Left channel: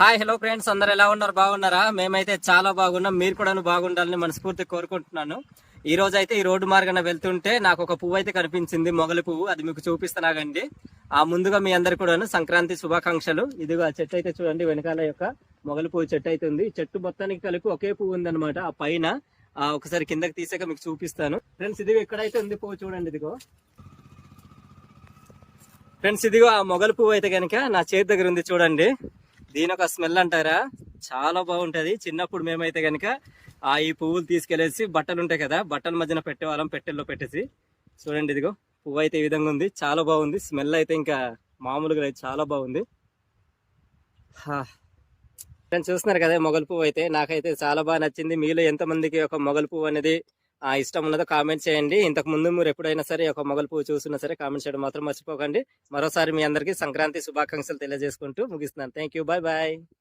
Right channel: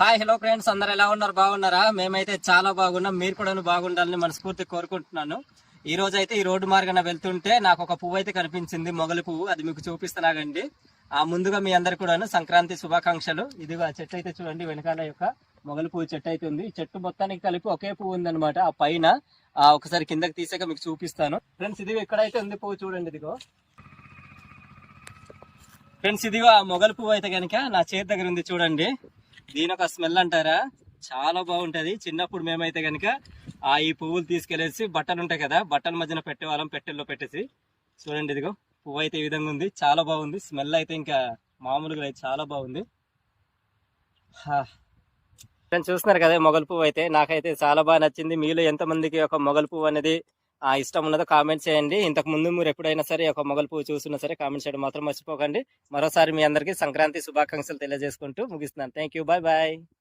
Hi hello friends అందరు ఎలా ఉన్నారు? బాగున్నారా? మేమైతే చాలా బాగున్నాం. మీరు కూడా బాగుండాలని మనస్ఫూర్తి కోరుకుంటున్నాను. ఈ రోజు అయితే ఈ రోడ్డు మార్గాన వెళ్తుంటే నాకు ఒక పువ్వు అయితే కనిపించింది. మొగలి పువ్వు. అది మీకు చూపిస్తలాగండి. ఆ ముందుగా మీ అందరు కూడాను సంక్రాంతి శుభాకాంక్షలు. ఇదిగో ఆ చెట్టు అయితే చూడండి వెనకాల యొక్క మొగలి పువ్వు చెట్టు అయితే ఉంది. చెట్టు మొత్తానికి కలిపి ఒకే పువ్వు ఉందన్నమాట. ఆ పైన ఒకసారి కిందకి తీసాక మీకు చూపిస్తాను. ఫ్రెండ్స్ ఇదిగో ఇక్కడైతే ఉంది పువ్వు చూడండి ఇదిగో. ఫ్రెండ్స్ ఇదిగో ఆ మొగలి పువ్వు అయితే కనుక నా చేతి దగ్గర ఉంది చూడండి. దీని ఒక స్మెల్ అంటారా? చాలా బాగుంటది. చిన్నప్పుడు మేమైతే కనుక ఆ ఈ పువ్వులు తీసుకెళ్ళేసి బట్టలు ఉంటాయి కదా బట్టల మధ్యన పెట్టేవాళ్ళం పెట్టెల్లో పెట్టేసి. చూడండి ఇదిగో పువ్వు అయితే ఈ విధంగా ఉంది. చాలా బాగుంది. స్మెల్ అయితే ఇంకా మామూలుగా చాలా బాగుంది. చూస్తున్నారు కదా మొగలు పువ్వు అయితే. నాకైతే చాలా బాగా నచ్చింది. మీలో ఎంతమందికి ఒక మొగలు పువ్వు అనేది ఇష్టం ఉన్నదో కామెంట్ చేయండి. ఇంతకు ముందు మీరు ఎప్పుడైనా సరే ఒక మొగల్ పువ్వు చూసినా సరే కామెంట్ చేయడం మాత్రం మర్చిపోకండి. మరోసారి మీ అందరికీ సంక్రాంతి శుభాకాంక్షలు తెలియజేసుకుంటూ ముగిస్తున్నాను. Thank you bye bye.